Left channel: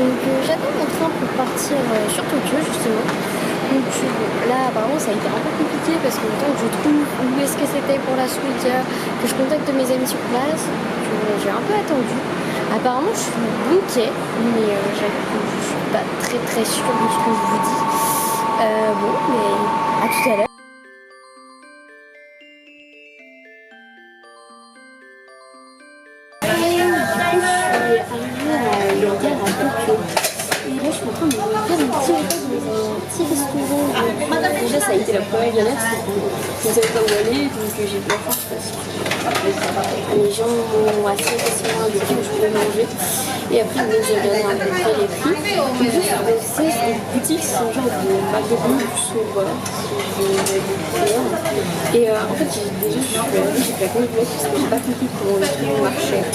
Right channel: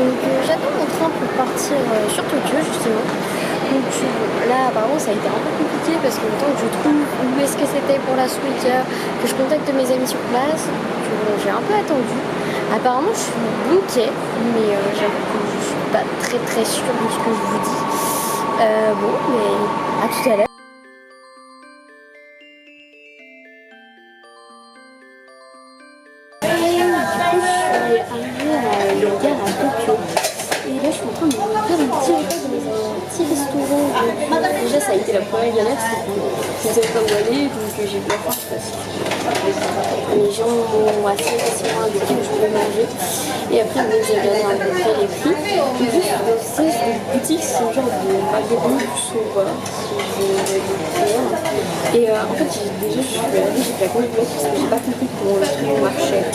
Donc j'attends mon train pour partir sur Tokyo justement. Donc là apparemment ça a été un peu compliqué parce que le temps que je trouve où est-ce que c'était pour la suite, que je contacte mes amis sur place, j'ai un peu attendu. Apparemment je suis bon quai, mais j'avoue que je suis pas très sûre de ce que je vous dis. Bon mais à tout à l'heure. Et du coup je suis arrivée à la gare à Tokyo. Et là, je suis en train de me faire un petit repas dans un petit restaurant. Déjà, ça a été la première galère, c'est que je ne savais pas où aller, donc j'ai eu la faim parce que les gens m'ont assez facilement indiqué où je pouvais manger. Et après, bon, j'ai regardé à peu près les prix. Donc, juste, c'est une boutique, c'est un genre de magasin du sauveur, si je vais dire. Et en fait, déjà, je suis allée, j'ai fait la conduite parce que j'ai pas compris comment le truc marchait.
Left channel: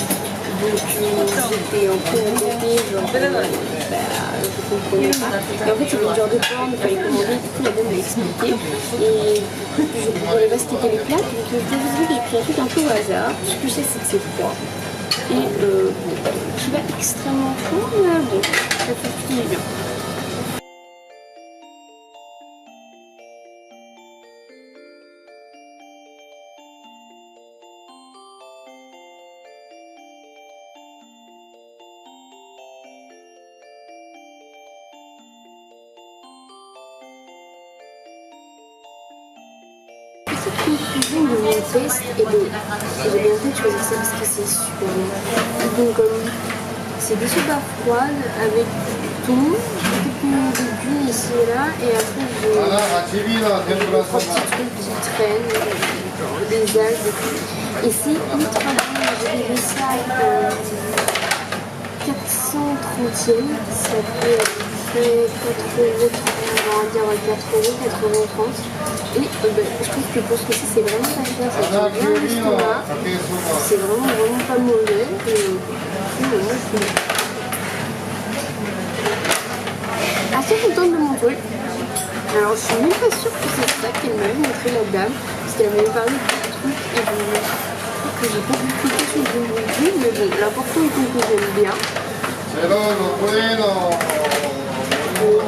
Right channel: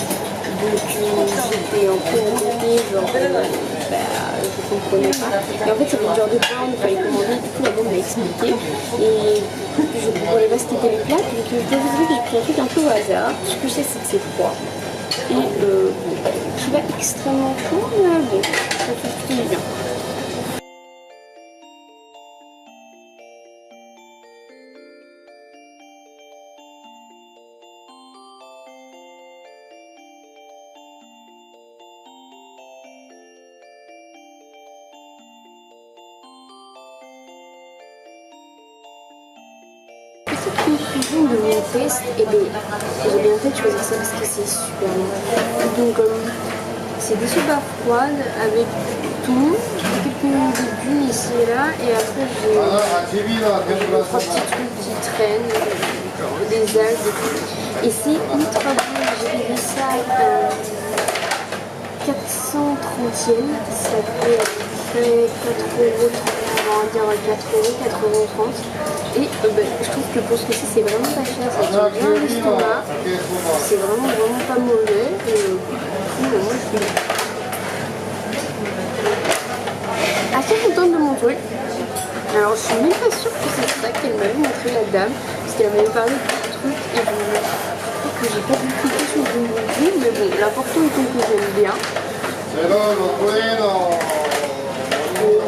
Donc j'étais un peu embêtée, genre je comprenais pas. Et en fait c'était le genre de borne, il fallait commander, du coup la dame m'a expliqué. Et je comprenais pas ce qu'étaient les plats, donc je désolée, j'ai pris un truc un peu au hasard. Tout ce que je sais c'est que c'est froid. Et je suis pas extrêmement chaud, mais bon, ça fait plutôt du bien. Petite conclusion de mon test et de j'ai bien fait de choisir ça parce que c'est super bon. Donc c'est des soupes froides avec tout, quelques légumes ici et là, et après j'ai trois petits trucs qui traînent, genre des algues et tout. Et c'est ultra bon, j'ai payé ça 430 yens, ça fait à peu près 4 €, on va dire 4 €, 4,30 €. Et je trouve que pour ce que c'est vraiment pas cher, ça tient bien l'estomac, c'est vraiment pas mauvais. Et moi je suis assez contente de mon truc. Alors je suis même pas sûre que c'est ça qu'elle m'avait montré la dame, parce qu'elle m'avait parlé de trucs et je crois que j'ai pas vu cliquer sur le bon truc, mais bon, l'important est que j'aime bien. Le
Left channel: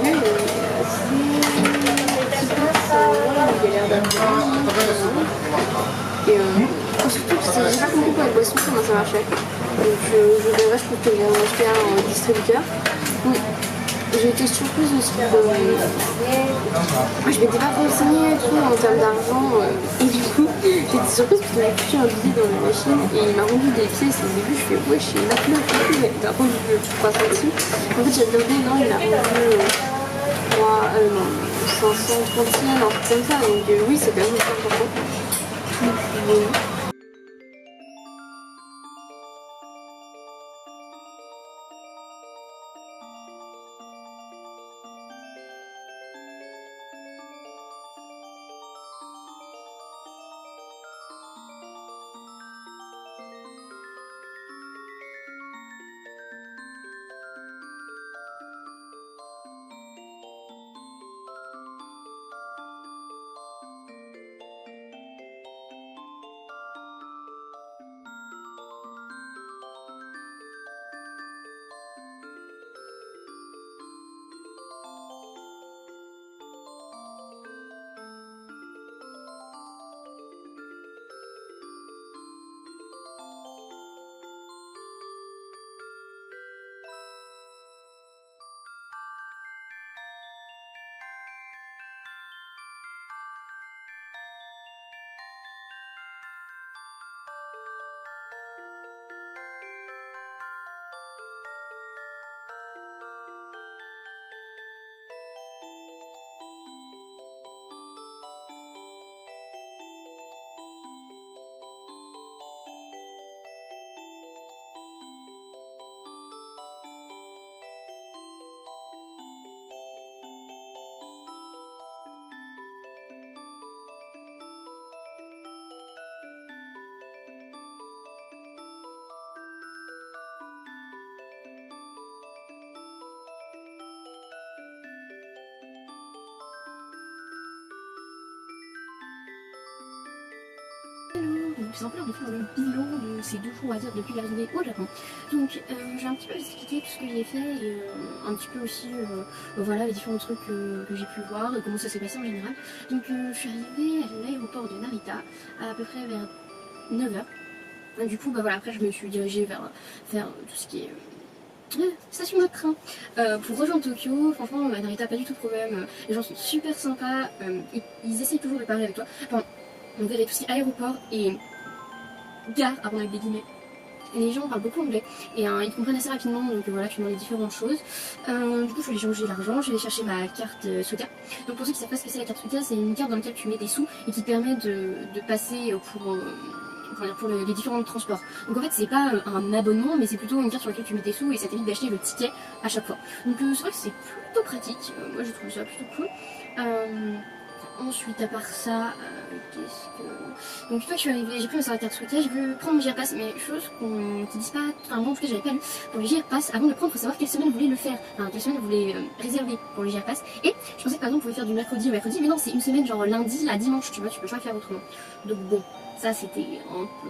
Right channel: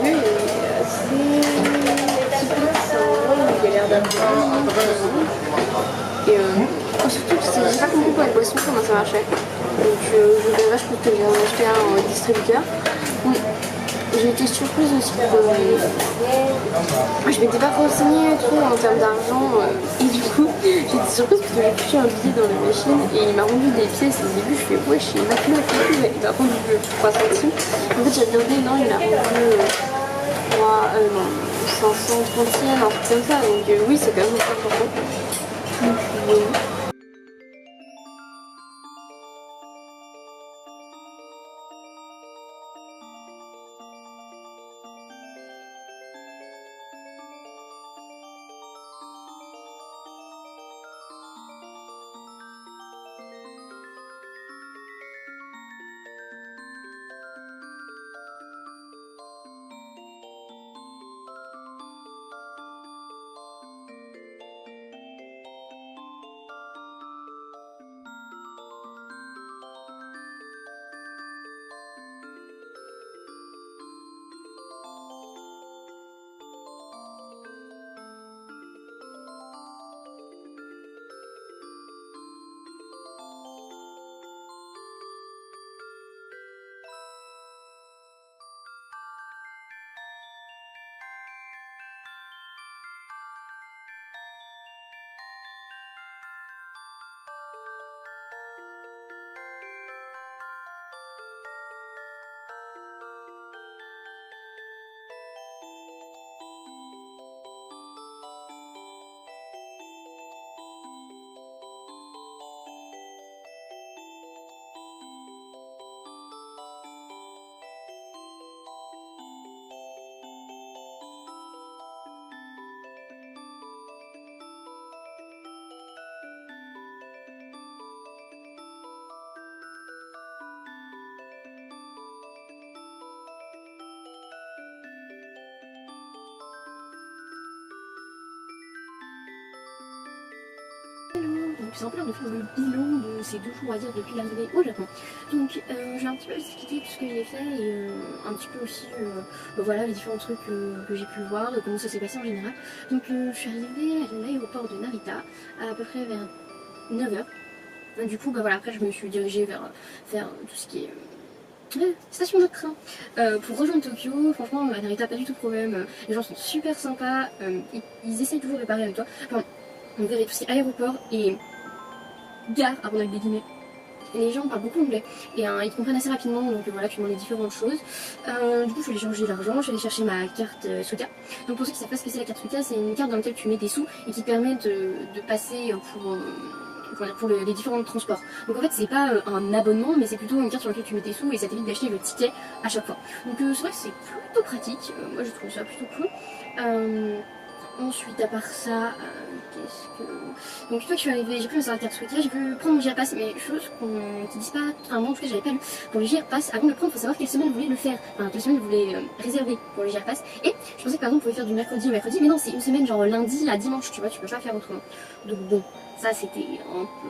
lieu est assez il a l'air d'avoir et surtout j'ai pas compris pour la boisson comment ça marchait, donc je verrai, je pense que j'ai acheté un distributeur. J'ai été surprise aussi je m'étais pas renseignée trop en termes d'argent et du coup j'ai été surprise parce que j'ai pris un billet dans la machine et il m'a rendu des pièces et au début je fais ouais je suis 29 et tout, mais il m'a rendu 3 centimes. En fait j'ai regardé, non il m'a rendu 530 yens, un truc comme ça, donc oui c'est quand même important. Donc, Donc c'est un peu on fait le bilan de ces 2 jours on va dire depuis l'arrivée au Japon. Donc j'ai un petit peu expliqué tout ce que j'ai fait et un petit peu aussi voilà les différents trucs que j'ai pu voir et comment ça s'est passé en général. Donc je suis arrivée à l'aéroport de Narita à peu près vers 9h. Du coup bah voilà après je me suis dirigée vers tout ce qui est station de train pour rejoindre Tokyo. Franchement Narita pas du tout de problème, les gens sont super sympas, ils essaient toujours de parler avec toi. Enfin, donc il y a tout ce qui est aéroport et gare, avant avec des guillemets. Les gens parlent beaucoup anglais et ils comprennent assez rapidement, donc voilà, tu demandes différentes choses. Du coup, je suis allée changer l'argent, je suis allée chercher ma carte Suica. Donc pour ceux qui ne savent pas ce que c'est la carte Suica, c'est une carte dans laquelle tu mets des sous et qui te permet de passer pour les différents transports. Donc en fait, c'est pas un abonnement, mais c'est plutôt une carte sur laquelle tu mets tes sous et ça t'évite d'acheter le ticket à chaque fois. Donc c'est vrai que c'est plutôt pratique, moi j'ai trouvé ça plutôt cool. Ensuite, à part ça, qu'est-ce que... Donc, une fois que je suis arrivée, j'ai pris ma carte Suica, j'ai voulu prendre mon JR-Pass, mais chose qu'on ne te dise pas, enfin, moi en plus, j'avais pas lu. Pour le JR-Pass, avant de le prendre, il faut savoir quelle semaine vous voulez le faire, enfin, quelle semaine vous voulez réserver pour le JR-Pass. Et je pensais que par exemple, vous pouvez faire du mercredi au mercredi, mais non, c'est une semaine, genre lundi à dimanche, tu vois, tu peux pas faire autrement. Donc, bon, ça c'était un peu.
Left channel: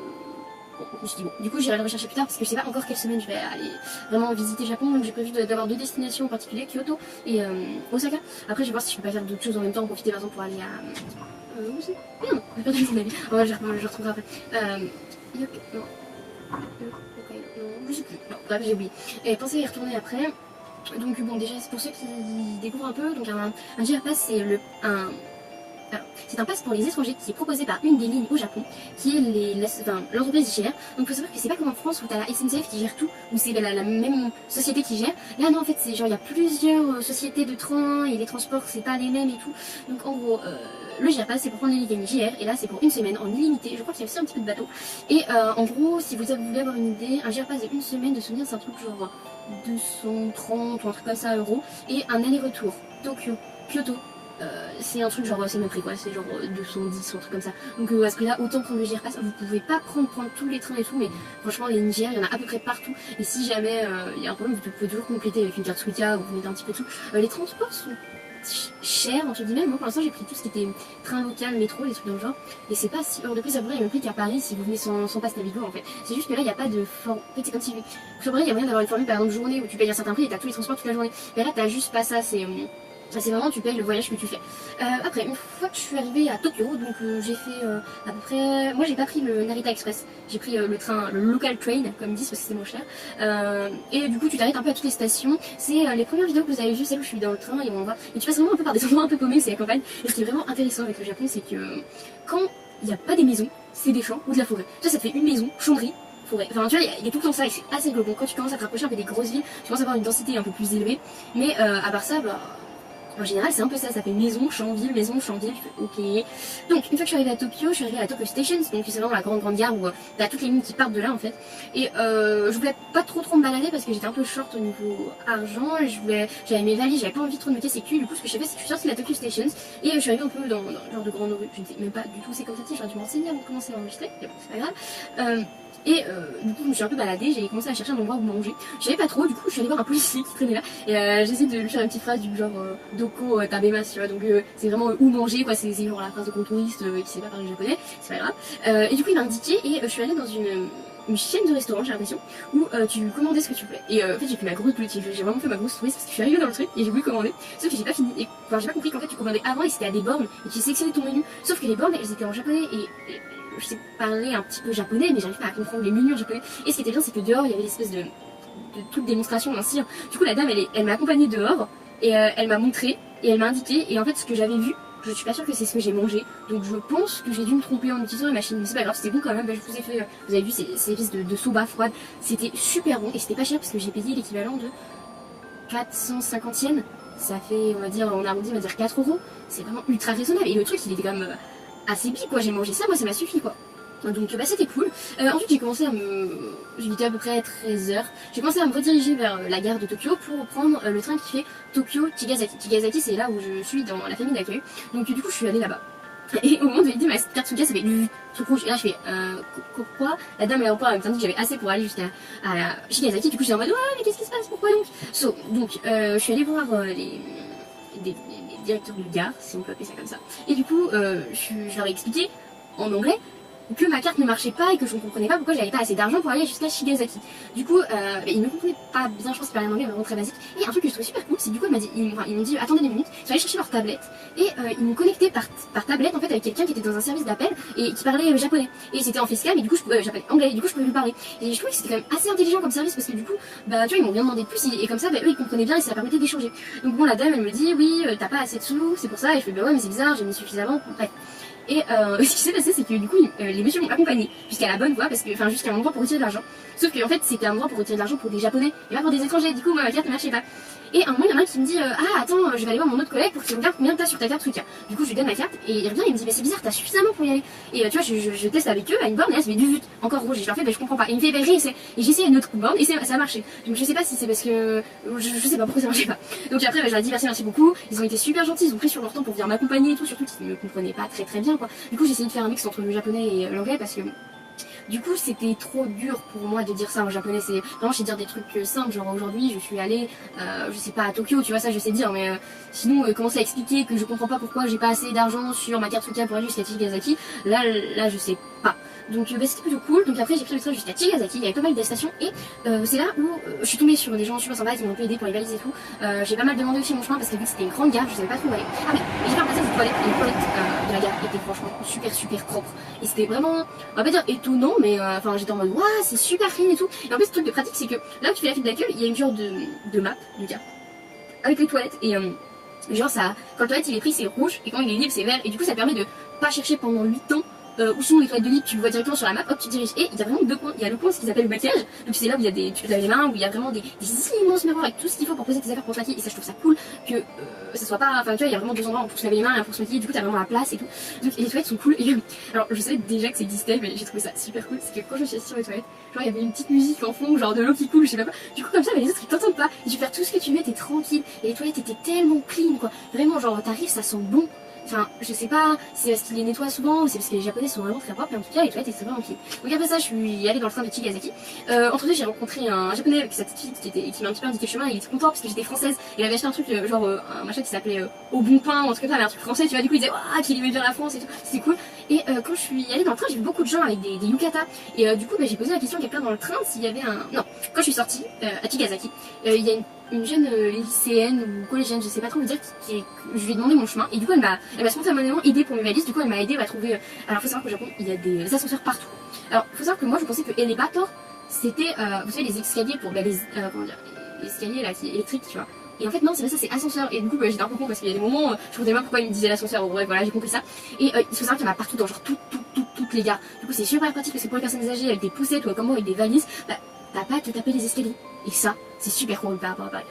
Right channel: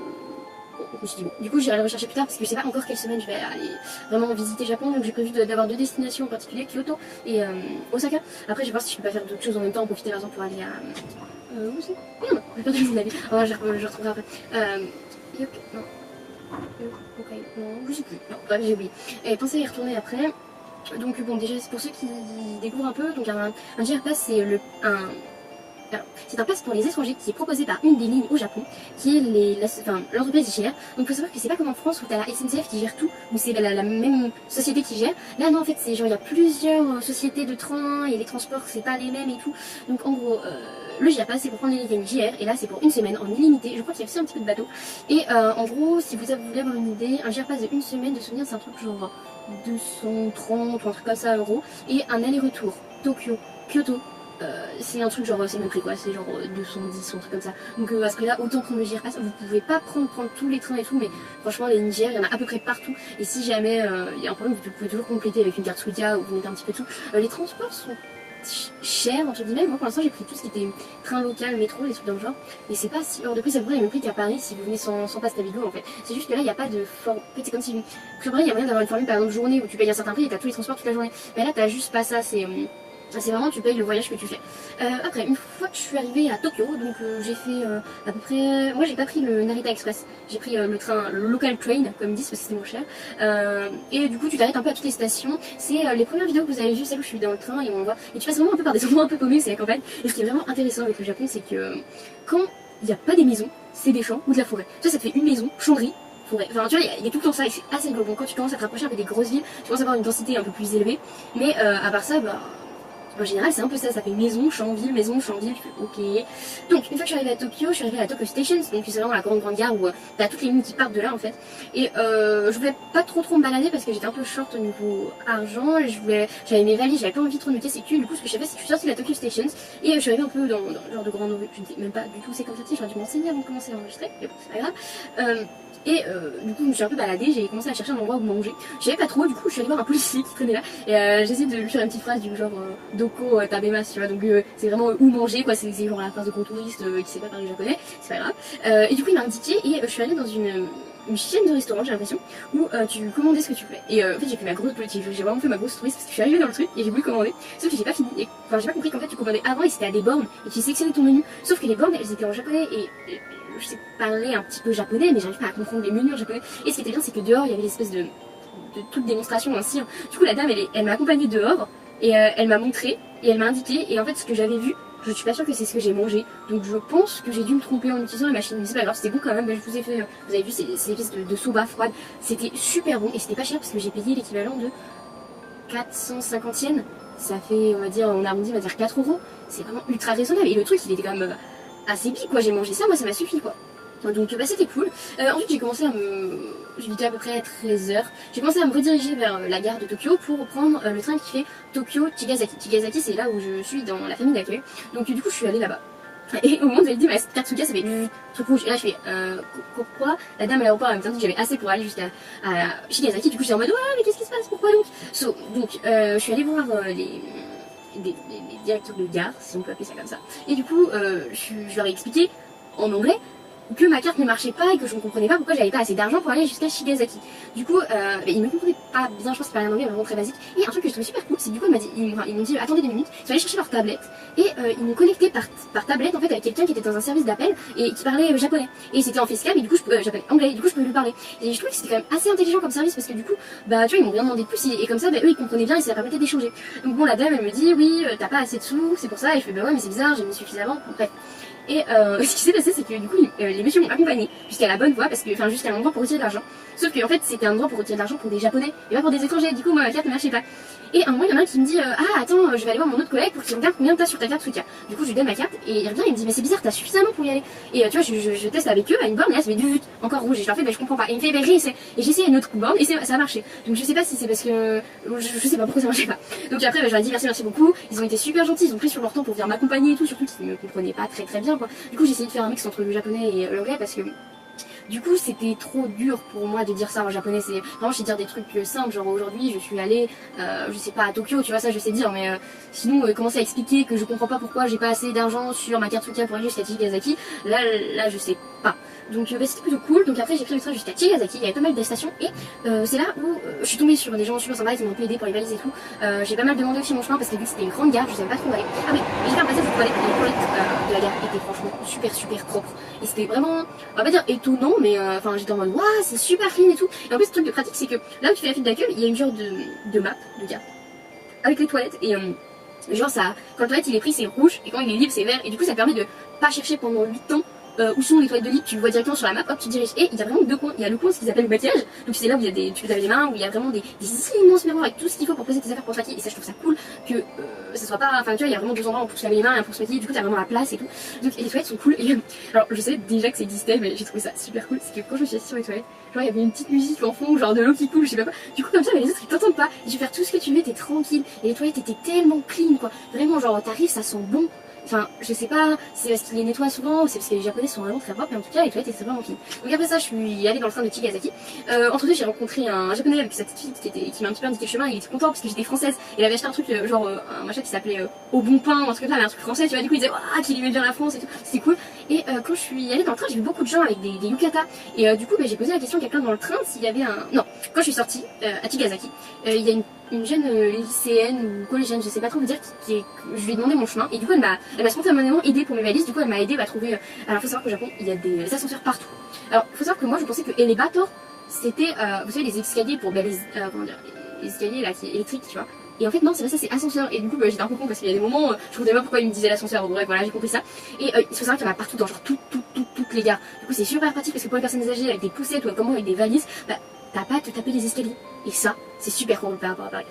Je me suis dit, bon, du coup j'irai le rechercher plus tard parce que je sais pas encore quelle semaine je vais aller vraiment visiter le Japon, donc j'ai prévu d'avoir 2 destinations en particulier, Kyoto et Osaka. Après je vais voir si je peux pas faire d'autres choses en même temps, en profiter par exemple pour aller à... où c'est ? Merde, j'ai perdu mon avis, je retrouverai après. Je sais plus, non, bref j'ai oublié. Et pensez à y retourner après. Donc bon déjà c'est pour ceux qui découvrent un peu, donc un JR-Pass c'est un pass pour les étrangers qui est proposé par une des lignes au Japon, qui est l'entreprise IGR. Donc il faut savoir que c'est pas comme en France où tu as la SNCF qui gère tout, où c'est la même société qui gère. Là non en fait c'est genre il y a plusieurs sociétés de train et les transports c'est pas les mêmes et tout. Donc en gros le JR-Pass c'est pour prendre les lignes JR et là c'est pour une semaine en illimité. Je crois qu'il y a aussi un petit peu de bateau. Et en gros si vous voulez avoir une idée, un JR-Pass de une semaine de souvenir c'est un truc genre 230 ou un truc comme ça euros. Et un aller-retour Tokyo, Kyoto. C'est un truc genre c'est mon prix quoi, c'est genre 210 ou un truc comme ça. Donc à ce prix là autant prendre le JR-Pass, vous pouvez pas prendre tous les trains et tout, mais franchement les lignes JR il y en a à peu près partout. Et si jamais il y a un problème vous pouvez toujours compléter avec une carte Suica ou vous mettez un petit peu tout. Les transports sont chers entre guillemets. Moi pour l'instant j'ai pris tout ce qui était train local, métro, les trucs dans le genre. Et c'est pas si hors de prix, ça pourrait le même prix qu'à Paris si vous venez sans passe Navigo en fait. C'est juste que là il n'y a pas de formule. En fait c'est comme si il y a moyen d'avoir une formule par exemple journée où tu payes un certain prix et t'as tous les transports toute la journée. Mais là t'as juste pas ça, c'est vraiment tu payes le voyage que tu fais. Après, une fois que je suis arrivée à Tokyo, donc j'ai fait à peu près... Moi j'ai pas pris le Narita Express, j'ai pris le train local train, comme ils disent parce que c'est moins cher. Et du coup tu t'arrêtes un peu à toutes les stations. C'est les premières vidéos que vous avez vues, celles où je suis dans le train et on voit... Et tu passes vraiment un peu par des endroits un peu paumés, c'est la campagne. Et ce qui est vraiment intéressant avec le Japon, c'est que quand il n'y a pas des maisons, c'est des champs ou de la forêt. Tu vois, ça te fait une maison, chamberie, forêt. Enfin tu vois, il y a tout le temps ça et c'est assez global. Quand tu commences à te rapprocher un peu des grosses villes, tu commences à avoir une densité un peu plus élevée. Mais à part ça, bah... En général, c'est un peu ça fait maison, champ-ville, maison, champ-ville, ok. Donc, une fois que je suis arrivée à Tokyo, je suis arrivée à Tokyo Station, donc c'est vraiment la grande gare où t'as toutes les lignes qui partent de là en fait. Et je voulais pas trop me balader parce que j'étais un peu short au niveau argent, j'avais mes valises, j'avais pas envie trop de me casser le cul, du coup ce que j'ai fait c'est que je suis sortie de la Tokyo Station et je suis arrivée un peu dans le genre de grand nombre, je ne sais même pas du tout c'est comme ça, j'aurais dû m'enseigner avant de commencer à enregistrer, mais bon c'est pas grave. Et du coup je me suis un peu baladée, j'ai commencé à chercher un endroit où manger. Je savais pas trop, du coup je suis allée voir un policier qui traînait là et j'ai essayé de lui faire une petite phrase du genre Doko tabemas, tu vois, donc c'est vraiment où manger quoi, c'est genre la phrase de contouriste qui sait pas parler japonais, c'est pas grave. Et du coup il m'a indiqué et je suis allée dans une chaîne de restaurant j'ai l'impression où tu commandais ce que tu voulais. Et en fait j'ai fait ma grosse politique, j'ai vraiment fait ma grosse touriste parce que je suis arrivée dans le truc et j'ai voulu commander, sauf que j'ai pas fini et enfin j'ai pas compris qu'en fait tu commandais avant et c'était à des bornes et tu sélectionnais ton menu, sauf que les bornes elles étaient en japonais et je sais parler un petit peu japonais mais j'arrive pas à comprendre les menus en japonais. Et ce qui était bien c'est que dehors il y avait l'espèce de toute démonstration d'un cire. Du coup la dame elle m'a accompagnée dehors et elle m'a montré et elle m'a indiqué et en fait ce que j'avais vu je suis pas sûre que c'est ce que j'ai mangé, donc je pense que j'ai dû me tromper en utilisant les machines, mais c'est pas grave, c'était bon quand même. Là, je vous ai fait, vous avez vu ces espèces de soba froide, c'était super bon et c'était pas cher parce que j'ai payé l'équivalent de 450 yens, ça fait on va dire, on arrondit on va dire 4 euros, c'est vraiment ultra raisonnable et le truc il était quand même assez pique quoi, j'ai mangé ça, moi ça m'a suffi quoi. Donc bah c'était cool. Ensuite j'ai commencé à j'étais à peu près à 13h. J'ai commencé à me rediriger vers la gare de Tokyo pour prendre le train qui fait Tokyo-Chigasaki. Chigasaki c'est là où je suis dans la famille d'accueil. Donc du coup je suis allée là-bas. Et au moment où j'avais dit ma carte Suica ça fait tout rouge. Et là je fais pourquoi la dame à l'aéroport elle m'a dit que j'avais assez pour aller jusqu'à Chigasaki. Du coup j'étais en mode ouais mais qu'est-ce qui se passe, pourquoi donc donc je suis allée voir les directeurs de gare si on peut appeler ça comme ça. Et du coup je leur ai expliqué en anglais que ma carte ne marchait pas et que je ne comprenais pas pourquoi j'avais pas assez d'argent pour aller jusqu'à Shigeazaki. Du coup, il ne comprenait pas bien, je pense que c'est un anglais vraiment très basique. Et un truc que je trouvais super cool, c'est du coup ils m'ont dit attendez 2 minutes, ils sont allés chercher leur tablette et ils m'ont connecté par tablette en fait avec quelqu'un qui était dans un service d'appel et qui parlait japonais. Et c'était en facecam et du coup japonais, anglais, et du coup je pouvais lui parler. Et je trouvais que c'était quand même assez intelligent comme service parce que du coup, bah tu vois, ils m'ont rien demandé de plus et comme ça, bah, eux ils comprenaient bien et ça leur permettait d'échanger. Donc bon, la dame elle me dit oui, t'as pas assez de sous, c'est pour ça. Et je fais bah ouais, mais c'est bizarre, j'en ai suffisamment. Bref. Et ce qui s'est passé, c'est que du coup, les messieurs m'ont accompagné jusqu'à la bonne voie, parce que, enfin, jusqu'à l'endroit pour retirer de l'argent. Sauf que, en fait, c'était un endroit pour retirer de l'argent pour des japonais, et pas pour des étrangers. Du coup, moi, ma carte ne marchait pas. Et un moment, il y en a un qui me dit ah, attends, je vais aller voir mon autre collègue pour qu'il regarde combien t'as sur ta carte soutien. Du coup, je lui donne ma carte, et il revient, il me dit mais c'est bizarre, t'as suffisamment pour y aller. Et tu vois, je teste avec eux à une borne, et là, ça fait du vut, encore rouge. Et je leur fais, bah, je comprends pas. Et il me fait, bah, réessaie. Et j'essaie une autre borne, et ça a marché. Donc, je sais pas si c'est parce que. Je sais pas pourquoi ça marchait pas. Donc, après, bah, je leur ai dit merci beaucoup. Ils ont été super gentils, ils ont pris sur leur temps pour venir m'accompagner et tout, surtout qu'ils ne me comprenaient pas très bien, quoi. Du coup, j'ai essayé de faire un mix entre le japonais et l'anglais parce que du coup c'était trop dur pour moi de dire ça en japonais. C'est vraiment, je sais dire des trucs simples, genre aujourd'hui je suis allée je sais pas à Tokyo, tu vois, ça je sais dire, mais sinon commencer à expliquer que je comprends pas pourquoi j'ai pas assez d'argent sur ma carte soutien pour aller jusqu'à Chigasaki, là je sais pas. Donc c'était plutôt cool. Donc après j'ai pris le train jusqu'à Chigasaki, il y avait pas mal de stations et c'est là où je suis tombée sur des gens super sympas qui m'ont un peu aidé pour les valises et tout. J'ai pas mal demandé aussi mon chemin parce que vu que c'était une grande gare, je savais pas trop où aller. Ah oui, j'ai fait un passage de toilette et les toilettes de la gare étaient franchement super propres. Et c'était vraiment, on va pas dire étonnant, mais enfin j'étais en mode waouh, c'est super clean et tout. Et en plus le truc de pratique c'est que là où tu fais la file d'accueil, il y a une genre de map de gare avec les toilettes et genre ça, quand le toilette il est pris c'est rouge et quand il est libre c'est vert et du coup ça permet de pas chercher pendant 8 ans où sont les toilettes de libre, tu le vois directement sur la map, hop tu diriges. Et il y a vraiment 2 coins, il y a le coin ce qu'ils appellent le maquillage, donc c'est là où il y a des, tu peux laver les mains, où il y a vraiment des immenses miroirs avec tout ce qu'il faut pour poser tes affaires pour te maquiller. Et ça je trouve ça cool que ça soit pas, enfin tu vois, il y a vraiment 2 endroits pour se laver les mains et pour se maquiller, du coup t'as vraiment la place et tout. Donc les toilettes sont cool et alors je sais déjà que c'est Disney mais j'ai trouvé ça super cool, c'est que quand je me suis assise sur les toilettes, genre il y avait une petite musique en fond, genre de l'eau qui coule, je sais pas. Du coup comme ça les autres ils t'entendent pas, et tu peux faire tout ce que tu veux, t'es tranquille. Et les toilettes étaient tellement clean quoi, vraiment genre t'arrives ça sent bon. Enfin, je sais pas, c'est parce qu'ils les nettoient souvent ou c'est parce que les japonais sont vraiment très propres, mais en tout cas les toilettes étaient vraiment clean. Donc après ça je suis allée dans le train de Chigasaki. Entre deux j'ai rencontré un japonais avec cette fille qui m'a un petit peu indiqué le chemin et il était content parce que j'étais française. Il avait acheté un truc genre un machin qui s'appelait Au Bon Pain ou un truc comme ça, mais un truc français, tu vois, du coup il disait waouh qu'il aimait bien la France et tout, c'était cool. Et quand je suis allée dans le train j'ai vu beaucoup de gens avec des yukatas et du coup bah, j'ai posé la question à quelqu'un dans le train s'il y avait un... Non, quand je suis sortie à Chigasaki, il y a une jeune lycéenne ou collégienne, je sais pas trop vous dire, je lui ai demandé mon chemin et du coup elle m'a spontanément aidé pour mes valises. Du coup elle m'a aidé à trouver. Alors faut savoir qu'au Japon il y a des ascenseurs partout. Alors faut savoir que moi je pensais que Elevator c'était vous savez les escaliers pour comment dire, les escaliers là qui électriques, tu vois. Et en fait non, c'est pas ça, c'est ascenseur. Et du coup bah, j'étais un peu con parce qu'il y a des moments je comprenais pas pourquoi il me disait l'ascenseur. Bon bref voilà, j'ai compris ça. Et il faut savoir qu'il y en a partout dans genre toutes les gares. Du coup c'est super pratique parce que pour les personnes âgées avec des poussettes ou comment avec des valises, bah t'as pas à te taper les escaliers. Et ça c'est super cool par rapport à Paris.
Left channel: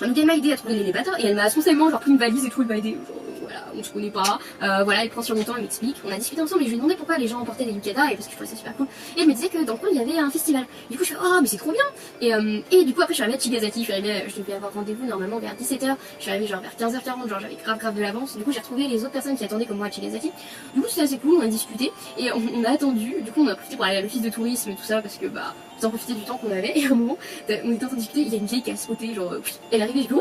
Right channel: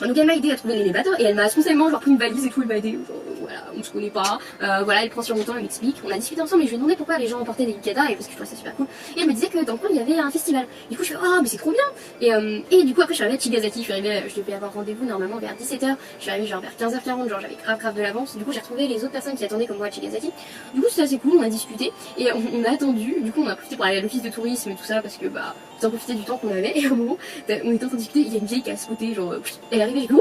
Donc elle m'a aidé à trouver l'élévateur et elle m'a spontanément genre pris une valise et tout, elle m'a aidé, voilà, on se connaît pas, voilà, elle prend sur mon temps, elle m'explique, on a discuté ensemble et je lui ai demandé pourquoi les gens emportaient des yukatas et parce que je trouvais ça super cool. Et elle me disait que dans le coin il y avait un festival. Du coup je fais oh mais c'est trop bien. Et du coup après je suis arrivée à Chigasaki, je devais avoir rendez-vous normalement vers 17h, je suis arrivée genre vers 15h40, genre j'avais grave de l'avance. Du coup j'ai retrouvé les autres personnes qui attendaient comme moi à Chigasaki. Du coup c'était assez cool, on a discuté et on a attendu, du coup on a profité pour aller à l'office de tourisme et tout ça parce que bah on profiter du temps qu'on avait. Et au moment on était en train de discuter, il y a une vieille qui a spoté, genre elle est arrivée, j'ai dit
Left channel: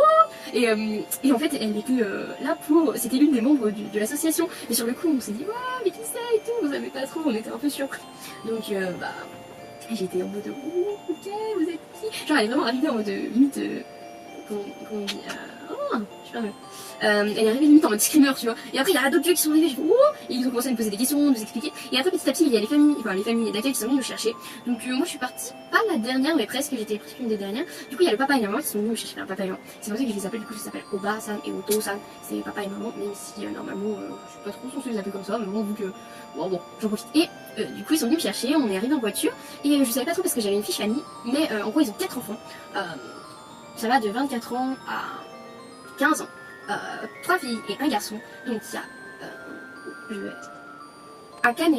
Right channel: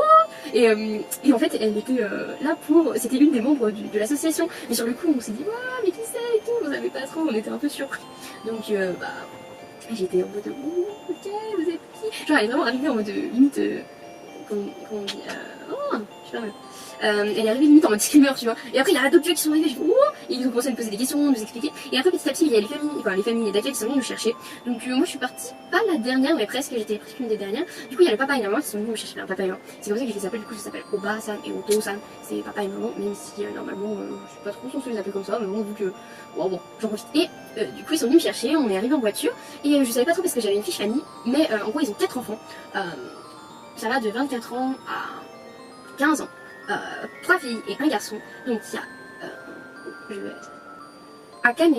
et en fait elle était là pour, c'était l'une des membres de l'association, mais sur le coup on s'est dit waouh mais qui c'est et tout, on savait pas trop, on était un peu surpris. Donc bah j'étais en mode ok vous êtes qui, genre elle est vraiment arrivée en mode limite comment on dit oh, je sais pas. Elle est arrivée limite en mode screamer, tu vois. Et après il y a d'autres vieux qui sont arrivés, je dis oh, et ils ont commencé à me poser des questions, nous expliquer. Et après petit à petit il y a les familles d'accueil qui sont venues me chercher. Donc moi je suis partie pas la dernière mais presque, j'étais presque une des dernières. Du coup il y a le papa et la maman qui sont venus me chercher, un papa et maman. C'est comme ça que je les appelle, du coup ça s'appelle Oba-san et Oto-san. C'est papa et maman, même si normalement je suis pas trop censée les appeler comme ça, mais bon vu que bon j'en profite. Et du coup ils sont venus me chercher, on est arrivé en voiture et je savais pas trop parce que j'avais une fiche famille, mais en gros ils ont 4 enfants. Ça va de 24 ans à 15 ans. 3 filles et un garçon. Donc il y a Akane,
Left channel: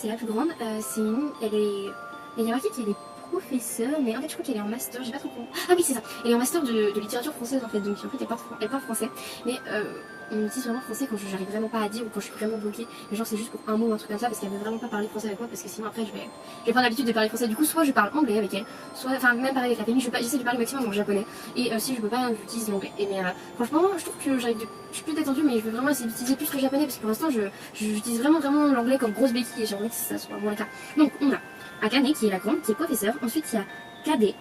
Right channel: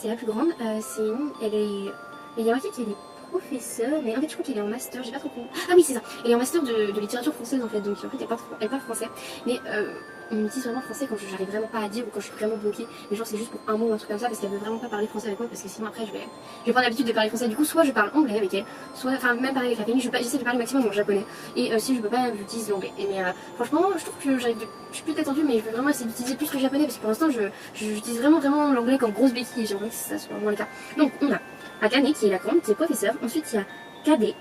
c'est la plus grande. Elle est, il y a marqué qu'elle est professeure, mais en fait je crois qu'elle est en master, j'ai pas trop compris. Ah oui c'est ça, elle est en master de littérature française en fait, donc en fait elle parle français, mais on me dit seulement français quand j'arrive vraiment pas à dire ou quand je suis vraiment bloquée, mais genre c'est juste pour un mot ou un truc comme ça parce qu'elle veut vraiment pas parler français avec moi parce que sinon après je vais prendre l'habitude de parler français. Du coup soit je parle anglais avec elle, soit enfin même parler avec la famille, j'essaie de parler au maximum en japonais et si je peux pas j'utilise l'anglais. Et mais franchement je trouve que je suis plus détendue mais je veux vraiment essayer d'utiliser plus le japonais parce que pour l'instant j'utilise vraiment l'anglais comme grosse béquille et j'ai envie que ça soit vraiment le cas. Donc on a Akane qui est la grande, qui est professeure, ensuite il y a Kade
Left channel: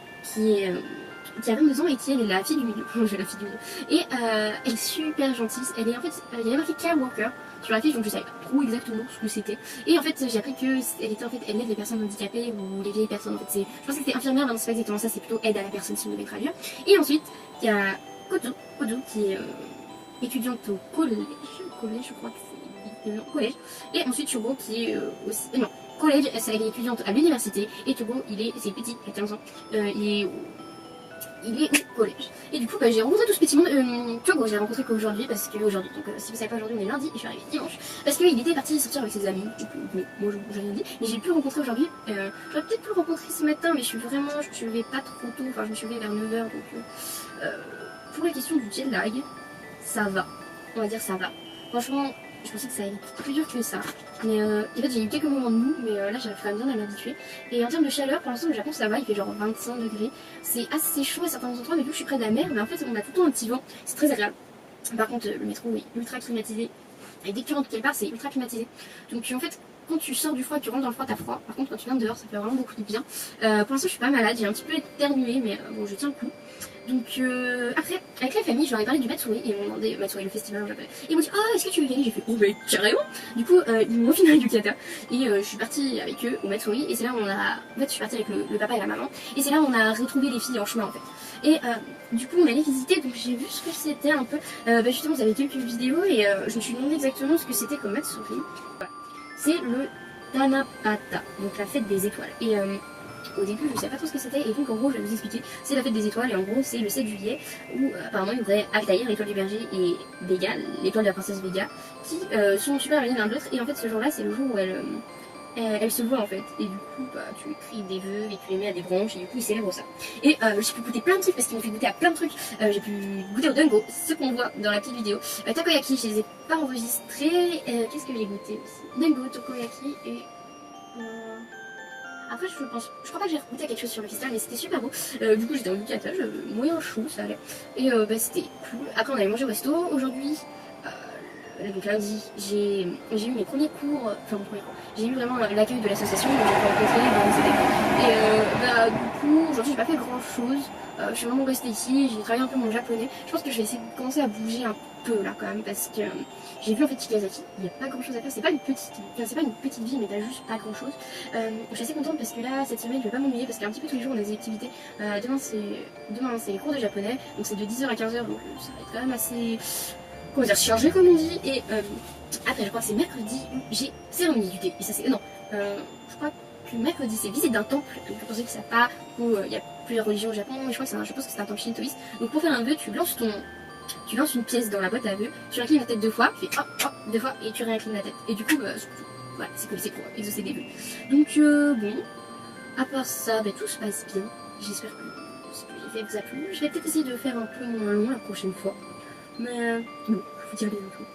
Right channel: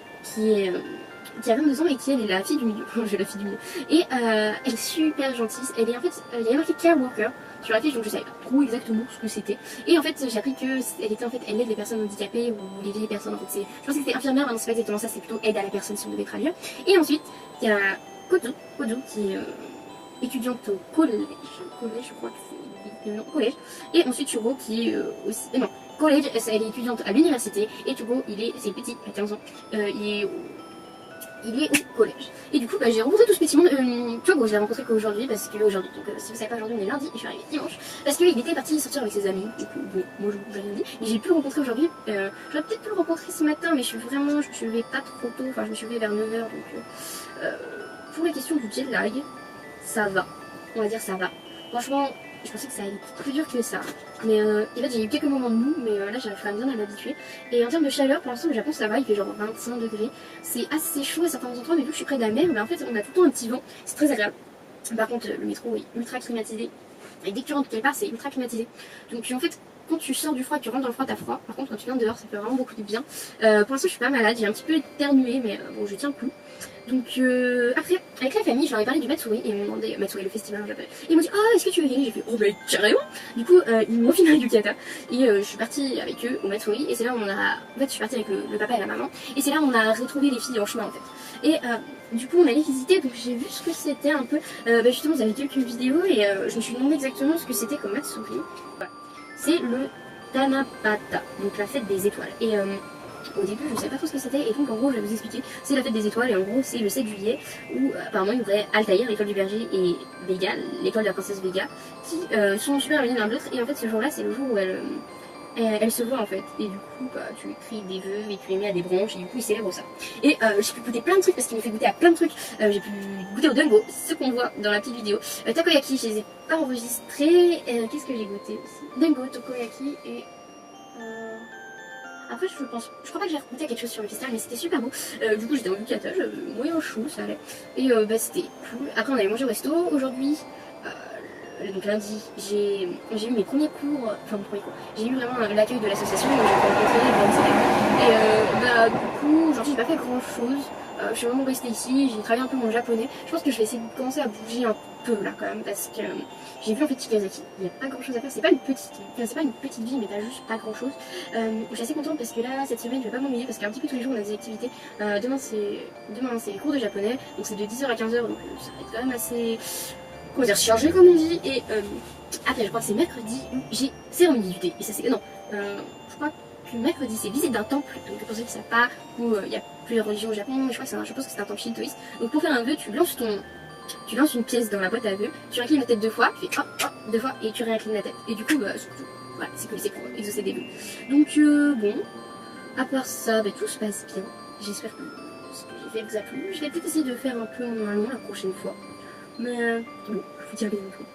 qui a 22 ans et qui elle est la fille du milieu. J'ai la fille du milieu. Et elle est super gentille. Elle est en fait, il y avait marqué care worker sur la fiche, donc je savais pas trop exactement ce que c'était. Et en fait, j'ai appris que elle était en fait elle aide les personnes handicapées ou les vieilles personnes. En fait, je pensais que c'était infirmière, mais non c'est pas exactement ça. C'est plutôt aide à la personne si on devait traduire. Et ensuite, il y a Kozu qui est étudiante au collège, je crois que c'est non collège. Et ensuite Shugo qui est aussi non collège, elle est étudiante à l'université et Shugo c'est petit, il a 15 ans, il est au collège. Et du coup j'ai rencontré tout ce petit monde, tu vois, bon, je l'ai rencontré qu'aujourd'hui parce qu'aujourd'hui, donc si vous savez pas aujourd'hui on est lundi et je suis arrivée dimanche parce qu'il était parti sortir avec ses amis, donc moi je l'ai dit, et j'ai pu le rencontrer aujourd'hui, j'aurais peut-être pu le rencontrer ce matin mais je me suis levée pas trop tôt, enfin je me suis levée vers 9h donc pour la question du jet lag, ça va, on va dire ça va. Franchement, je pensais que ça allait être plus dur que ça. Mais en fait, j'ai eu quelques moments de mou, mais là, j'arrive quand même bien à m'habituer. Et en termes de chaleur, pour l'instant, au Japon, ça va, il fait genre 25 degrés. C'est assez chaud à certains endroits, mais vu que je suis près de la mer, mais en fait, on a tout le temps un petit vent. C'est très agréable. Par contre, le métro est ultra climatisé. Et dès que tu rentres quelque part, c'est ultra climatisé. Donc, en fait, quand tu sors du froid et que tu rentres dans le froid, t'as froid. Par contre, quand tu viens dehors, ça fait vraiment beaucoup de bien. Pour l'instant, je suis pas malade, j'ai un petit peu éternué, mais bon, je tiens le coup. Donc après, avec la famille, je leur ai parlé du Matsuri et ils m'ont demandé, Matsuri le festival en japonais, ils m'ont dit ah est-ce que tu veux venir? J'ai fait oh mais carrément. Du coup ils m'ont filmé du kata et je suis partie avec eux au Matsuri et c'est là où on a, en fait je suis partie avec le papa et la maman et c'est là où on a retrouvé les filles en chemin en fait. Et du coup on allait visiter donc j'ai vu ce que c'était un peu, justement vous avez quelques vidéos et je me suis demandé exactement ce que c'était comme Matsuri. Voilà. C'est le Tanabata, donc la fête des étoiles. Et au début je savais pas trop ce que c'était et donc en gros je vais vous expliquer, c'est la fête des étoiles et en gros c'est le 7 juillet où apparemment il y aurait Altaïr, l'étoile du berger, et Vega, l'étoile de la princesse Vega, qui sont super amis l'un de l'autre et en fait ce jour là c'est le jour où elle se voit en fait et du coup tu écris des vœux et tu les mets à des branches et du coup ils célèbrent ça. Et j'ai pu goûter plein de trucs parce qu'il me fait goûter à plein de trucs, j'ai pu goûter au dango, ce qu'on voit dans la petite vidéo, takoyaki je les ai pas enregistrés, qu'est-ce que j'ai goûté aussi, dango, takoyaki et... Après je crois pas que j'ai goûté quelque chose sur le festival mais c'était super beau. Du coup j'étais en bucatage, moyen chou ça allait. Et c'était cool. Après on allait manger au resto aujourd'hui. Donc lundi j'ai eu mes premiers cours, enfin mon premier cours. J'ai eu vraiment l'accueil de l'association donc j'ai rencontré et du coup aujourd'hui j'ai pas fait grand chose. Je suis vraiment restée ici, j'ai travaillé un peu mon japonais. Je pense que je vais essayer de commencer à bouger un peu là quand même parce que j'ai vu en fait Chigasaki, il n'y a pas grand chose à faire, c'est pas une petite ville mais t'as juste pas grand chose. Je suis assez contente parce que là cette semaine je vais pas m'ennuyer parce qu'un petit peu tous les jours on a des activités. Demain c'est les cours de japonais donc c'est de 10h à 15h donc ça va être quand même assez, comment dire, chargé comme on dit. Et après je crois que c'est mercredi où j'ai cérémonie du thé et ça c'est, non, je crois que mercredi c'est visite d'un temple, donc pour ceux qui savent pas où il y a plusieurs religions au Japon, je pense que c'est un temple shintoïste. Donc pour faire un vœu tu lances une pièce dans la boîte à vœux, tu inclines la tête 2 fois, tu fais hop hop 2 fois et tu réinclines la tête et du coup voilà, c'est pour exaucer des vœux. Donc bon, à part ça tout se passe bien, j'espère que ce que j'ai fait vous a plu. Je vais peut-être essayer de faire un peu moins long la prochaine fois, mais bon, je vous dirai des infos.